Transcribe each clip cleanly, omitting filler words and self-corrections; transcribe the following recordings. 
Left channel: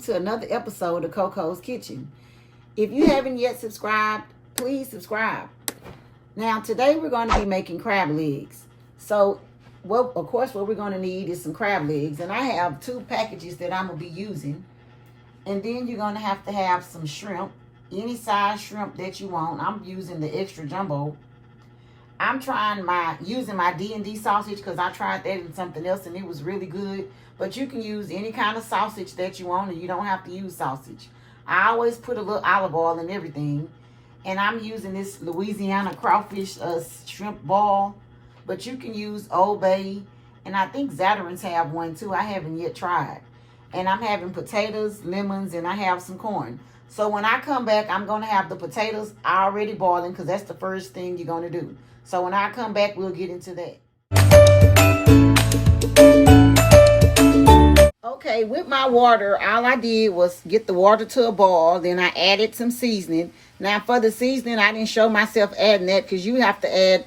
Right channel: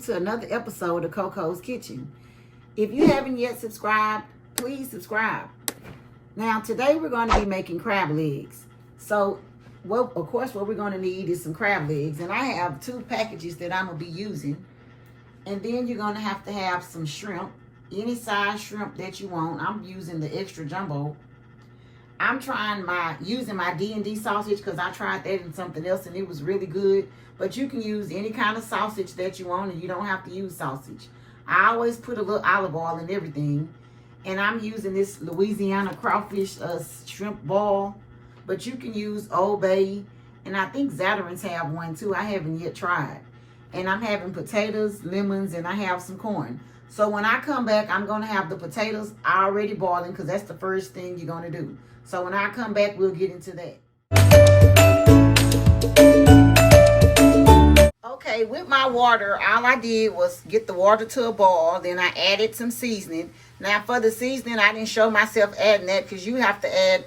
welcome to another episode of COCO'S Kitchen. If you haven't yet subscribed, please subscribe. Now today we're going to be making crab legs. So, well, of course what we're going to need is some crab legs. And I have 2 packages that I'm going to be using. And then you're going to have some shrimp. Any size shrimp that you want. I'm using the extra jumbo. I'm using my D&D sausage because I tried that in something else and it was really good. But you can use any kind of sausage that you want and you don't have to use sausage. I always put a little olive oil in everything. And I'm using this Louisiana crawfish shrimp ball. But you can use Old Bay. And I think Zatarain's have one too. I haven't yet tried. And I'm having potatoes, lemons, and I have some corn. So when I come back, I'm going to have the potatoes already boiling because that's the first thing you're going to do. So when I come back, we'll get into that. Okay, with my water, all I did was get the water to a boil. Then I added some seasoning. Now for the seasoning, I didn't show myself adding that because you have to add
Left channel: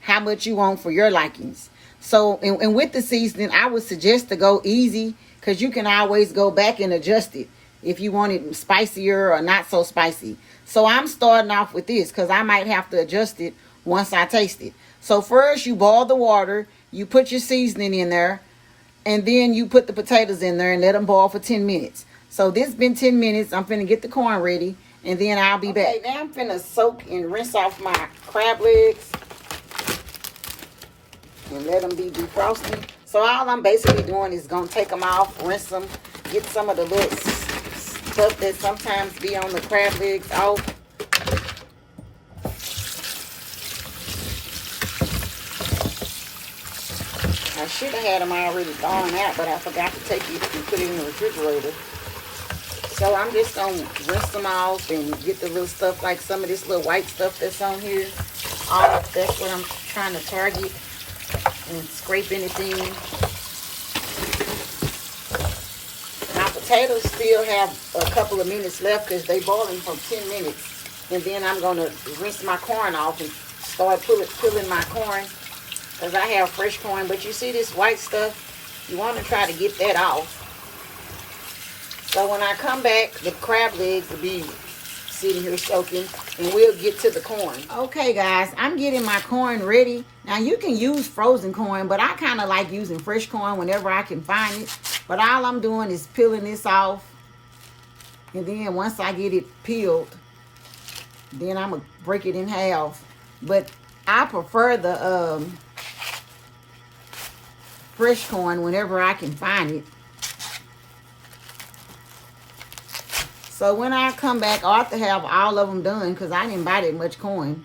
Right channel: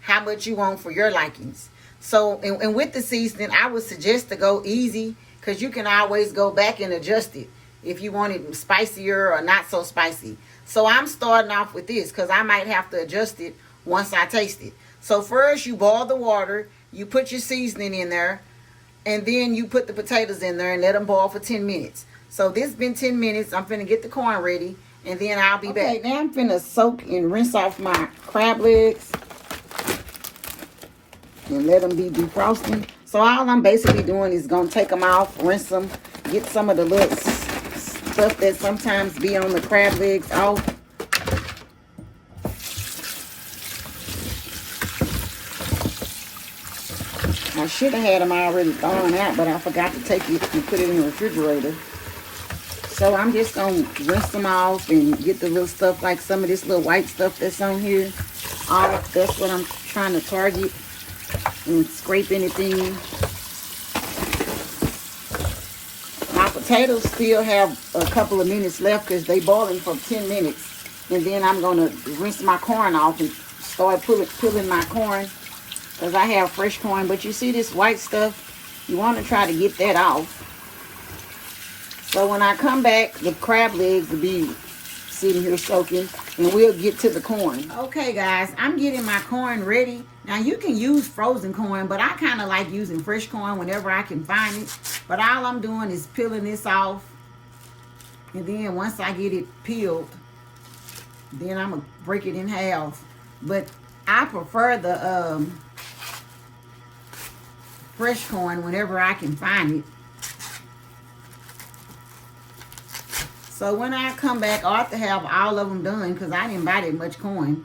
how much you want for your likings. So, and with the seasoning, I would suggest to go easy because you can always go back and adjust it if you want it spicier or not so spicy. So I'm starting off with this because I might have to adjust it once I taste it. So first you boil the water, you put your seasoning in there, and then you put the potatoes in there and let them boil for 10 minutes. So this has been 10 minutes. I'm finna get the corn ready and then I'll be back. Now I'm finna soak and rinse off my crab legs and let them be defrosted. So all I'm basically doing is gonna take them off, rinse them, get some of the little stuff that sometimes be on the crab legs off. I should have had them already thawing out, but I forgot to take it and put it in the refrigerator. So I'm just going to rinse them off and get the little stuff, like some of this little white stuff that's on here. That's what I'm trying to target and scrape anything. My potatoes still have a couple of minutes left because they boiling for 10 minutes. And then I'm going to rinse my corn off and start pulling my corn. Because I have fresh corn, but you see this white stuff, you want to try to get that off. So when I come back, the crab legs will be sitting here soaking, and we'll get to the corn. Okay guys, I'm getting my corn ready. Now you can use frozen corn, but I kind of like using fresh corn whenever I can find it. But all I'm doing is peeling this off. And then once I get it peeled, then I'm going to break it in half. But I prefer the fresh corn whenever I can find it. So when I come back, I'll have to have all of them done because I didn't buy that much corn.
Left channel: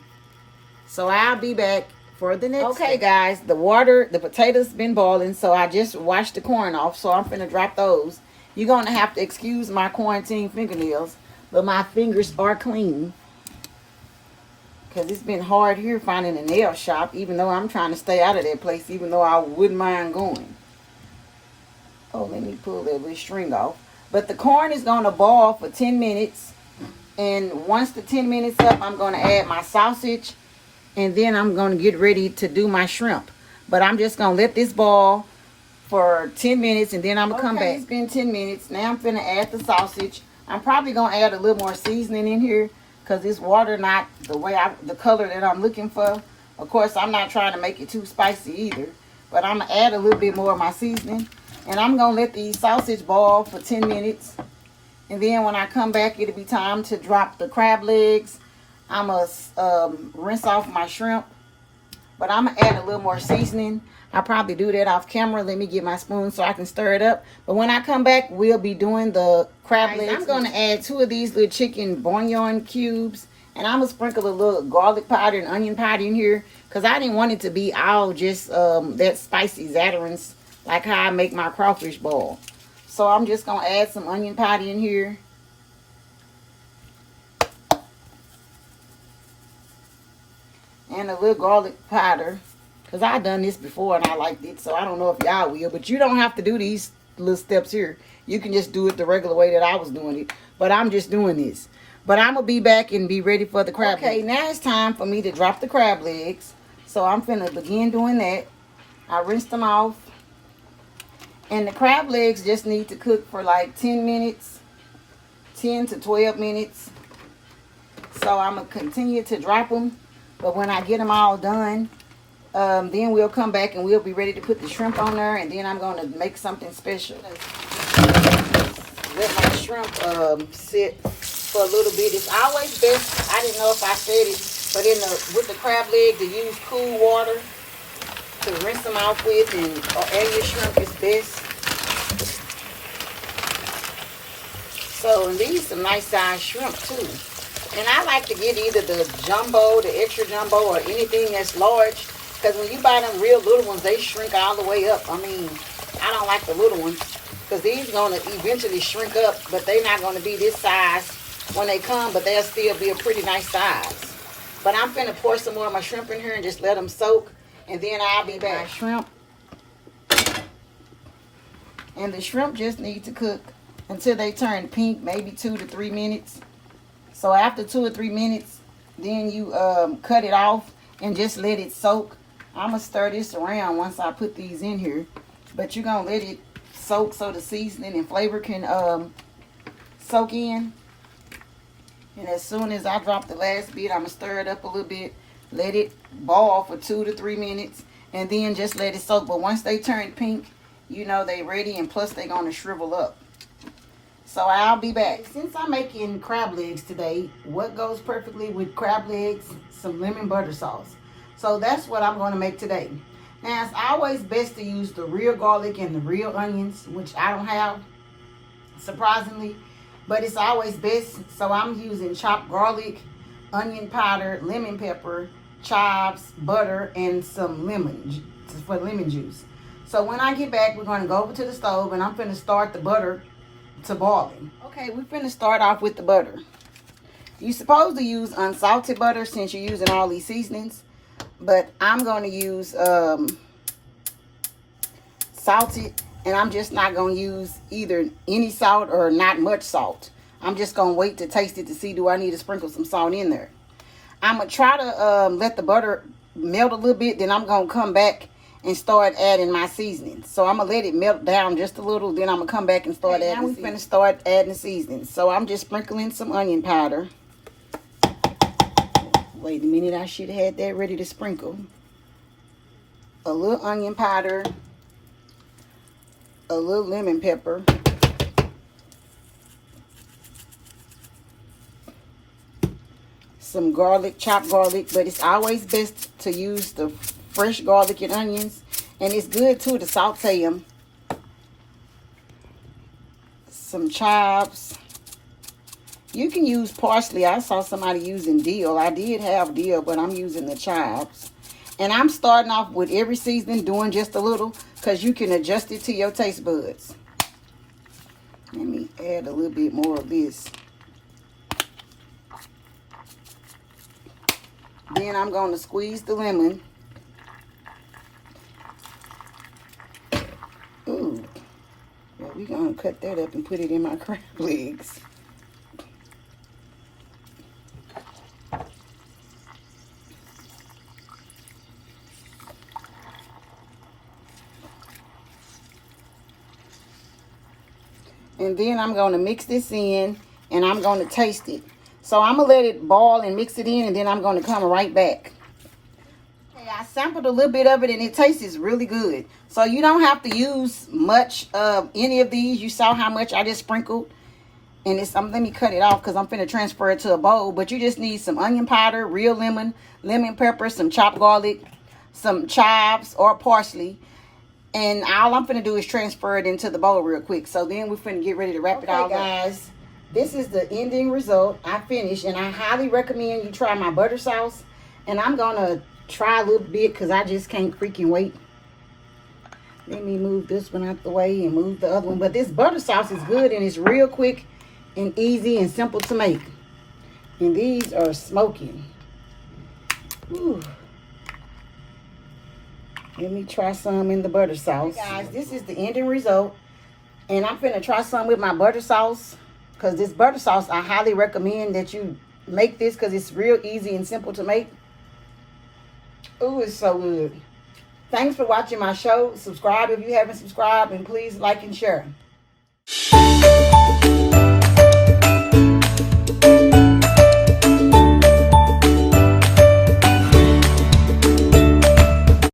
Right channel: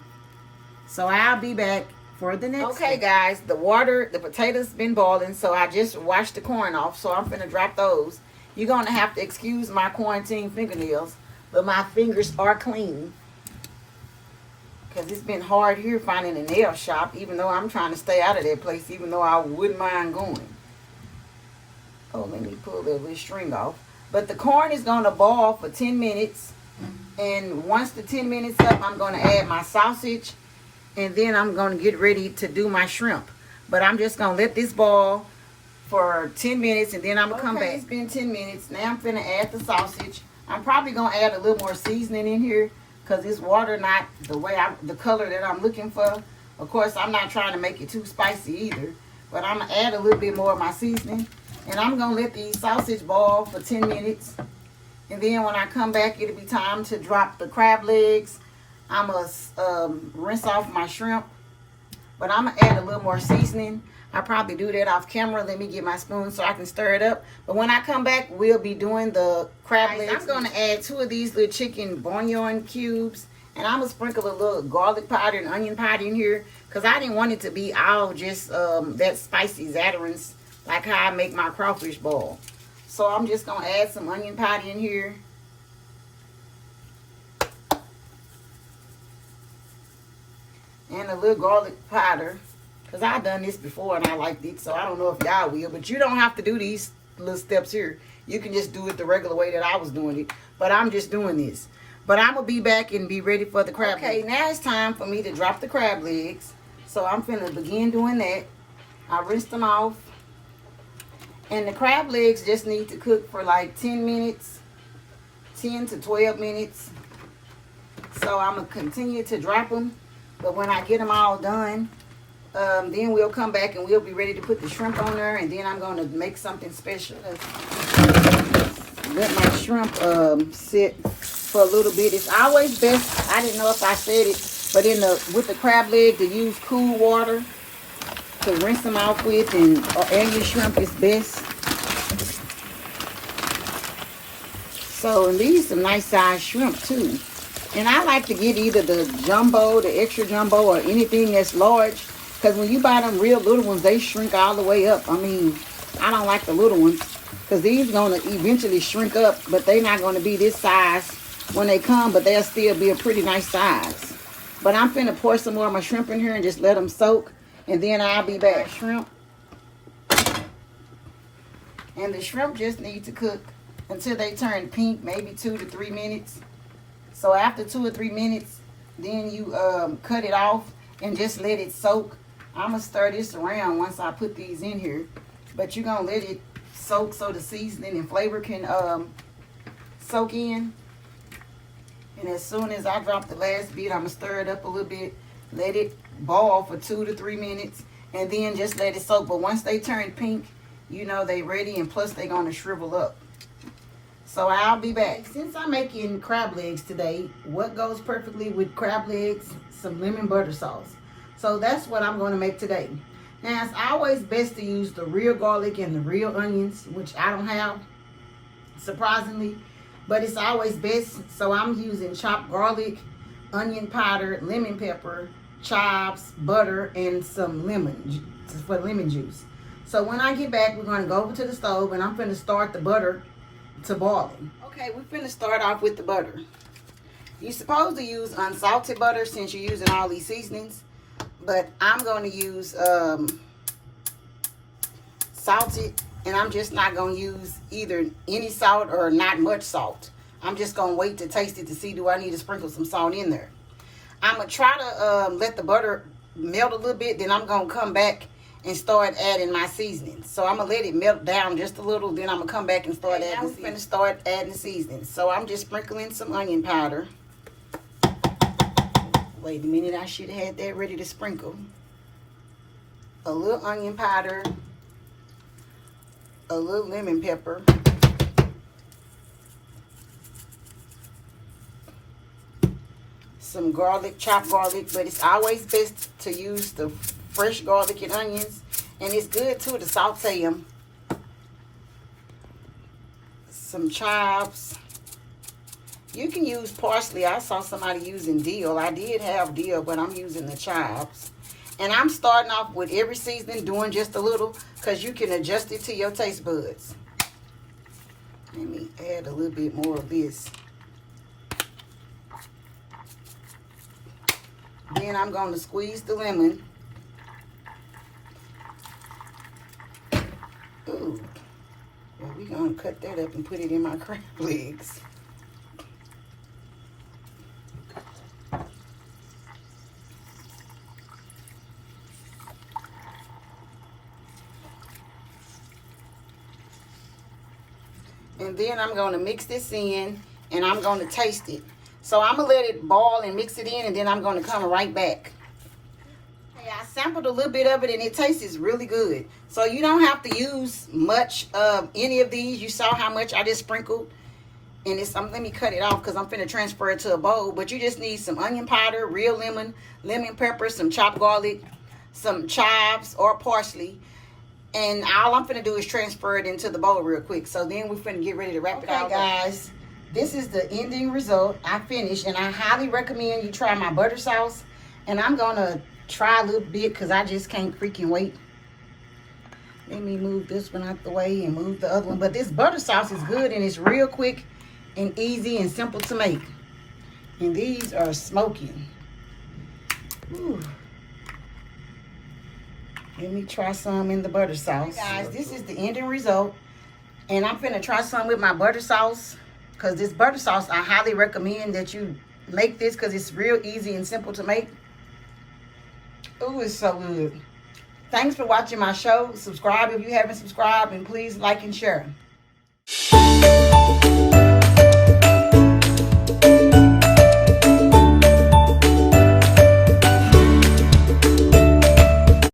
So I'll be back for the next. Okay guys, the potatoes been boiling, so I just washed the corn off. So I'm finna drop those. You're gonna have to excuse my quarantine fingernails, but my fingers are clean. Because it's been hard here finding a nail shop, even though I'm trying to stay out of that place, even though I wouldn't mind going. Oh, let me pull that little string off. But the corn is going to boil for 10 minutes. And once the 10 minutes up, I'm going to add my sausage. And then I'm going to get ready to do my shrimp. But I'm just going to let this boil for 10 minutes and then I'm going to come back. It's been 10 minutes. Now I'm going to add the sausage. I'm probably going to add a little more seasoning in here, because this water not the color that I'm looking for. Of course, I'm not trying to make it too spicy either. But I'm going to add a little bit more of my seasoning. And I'm going to let the sausage boil for 10 minutes. And then when I come back, it'll be time to drop the crab legs. I'm going to rinse off my shrimp. But I'm going to add a little more seasoning. I'll probably do that off camera. Let me get my spoon so I can stir it up. But when I come back, we'll be doing the crab legs. I'm going to add 2 of these little chicken bouillon cubes. And I'm going to sprinkle a little garlic powder and onion powder in here. Because I didn't want it to be all just that spicy Zatarain's, like how I make my crawfish boil. So I'm just going to add some onion powder in here. And a little garlic powder. Because I've done this before and I liked it. So I don't know if y'all will. But you don't have to do these little steps here. You can just do it the regular way that I was doing it. But I'm just doing this. But I'm going to be back and be ready for the crab legs. Okay, now it's time for me to drop the crab legs. So I'm finna begin doing that. I rinsed them off. And the crab legs just need to cook for like 10 minutes, 10 to 12 minutes. So I'm going to continue to drop them. But when I get them all done, then we'll come back and we'll be ready to put the shrimp on there. And then I'm going to make something special. Let my shrimp sit for a little bit. It's always best, I didn't know if I said it, but with the crab leg, to use cool water to rinse them off with, and your shrimp is best. So these some nice size shrimp too. And I like to get either the jumbo, the extra jumbo, or anything that's large. Because when you buy them real little ones, they shrink all the way up. I mean, I don't like the little ones. Because these going to eventually shrink up. But they're not going to be this size when they come. But they'll still be a pretty nice size. But I'm finna pour some more of my shrimp in here and just let them soak. And then I'll be back. Shrimp. And the shrimp just need to cook until they turn pink. Maybe 2 to 3 minutes. So after 2 or 3 minutes, then you cut it off and just let it soak. I'm going to stir this around once I put these in here. But you're going to let it soak so the seasoning and flavor can soak in. And as soon as I drop the last bit, I'm going to stir it up a little bit. Let it boil for 2 to 3 minutes. And then just let it soak. But once they turn pink, you know they ready. And plus they're going to shrivel up. So I'll be back. Since I'm making crab legs today, what goes perfectly with crab legs? Some lemon butter sauce. So that's what I'm going to make today. Now, it's always best to use the real garlic and the real onions, which I don't have, surprisingly. But it's always best. So I'm using chopped garlic, onion powder, lemon pepper, chives, butter, and some lemon for lemon juice. So when I get back, we're going to go over to the stove, and I'm going to start the butter to boiling. Okay, we're finna start off with the butter. You're supposed to use unsalted butter since you're using all these seasonings, but I'm going to use salted, and I'm just not going to use either any salt or not much salt. I'm just going to wait to taste it to see, do I need to sprinkle some salt in there. I'm going to try to let the butter melt a little bit, then I'm going to come back and start adding my seasoning. So I'm going to let it melt down just a little. Then I'm going to come back and start adding. Now we're going to start adding the seasoning. So I'm just sprinkling some onion powder. Wait a minute. I should have had that ready to sprinkle. A little onion powder. A little lemon pepper. Some garlic, chopped garlic. But it's always best to use the fresh garlic and onions, and it's good too to saute them. Some chives. You can use parsley. I saw somebody using dill. I did have dill, but I'm using the chives. And I'm starting off with every seasoning, doing just a little, because you can adjust it to your taste buds. Let me add a little bit more of this. Then I'm going to squeeze the lemon. Ooh. Well, we're going to cut that up and put it in my crab legs. And then I'm going to mix this in, and I'm going to taste it. So I'm going to let it boil and mix it in, and then I'm going to come right back. I sampled a little bit of it, and it tastes really good. So you don't have to use much of any of these. You saw how much I just sprinkled. And it's let me cut it off because I'm finna transfer it to a bowl. But you just need some onion powder, real lemon pepper, some chopped garlic, some chives or parsley. And all I'm finna do is transfer it into the bowl real quick. So then we're finna get ready to wrap it all up. Guys, this is the ending result. I finished, and I highly recommend you try my butter sauce. And I'm gonna try a little bit because I just can't freaking wait. Let me move this one out the way and move the other one. But this butter sauce is good, and it's real quick and easy and simple to make. And these are smoking. Ooh. Let me try some in the butter sauce. Hey guys, this is the ending result. And I'm finna try some with my butter sauce. Because this butter sauce, I highly recommend that you make this because it's real easy and simple to make. Ooh, it's so good. Thanks for watching my show. Subscribe if you haven't subscribed, and please like and share.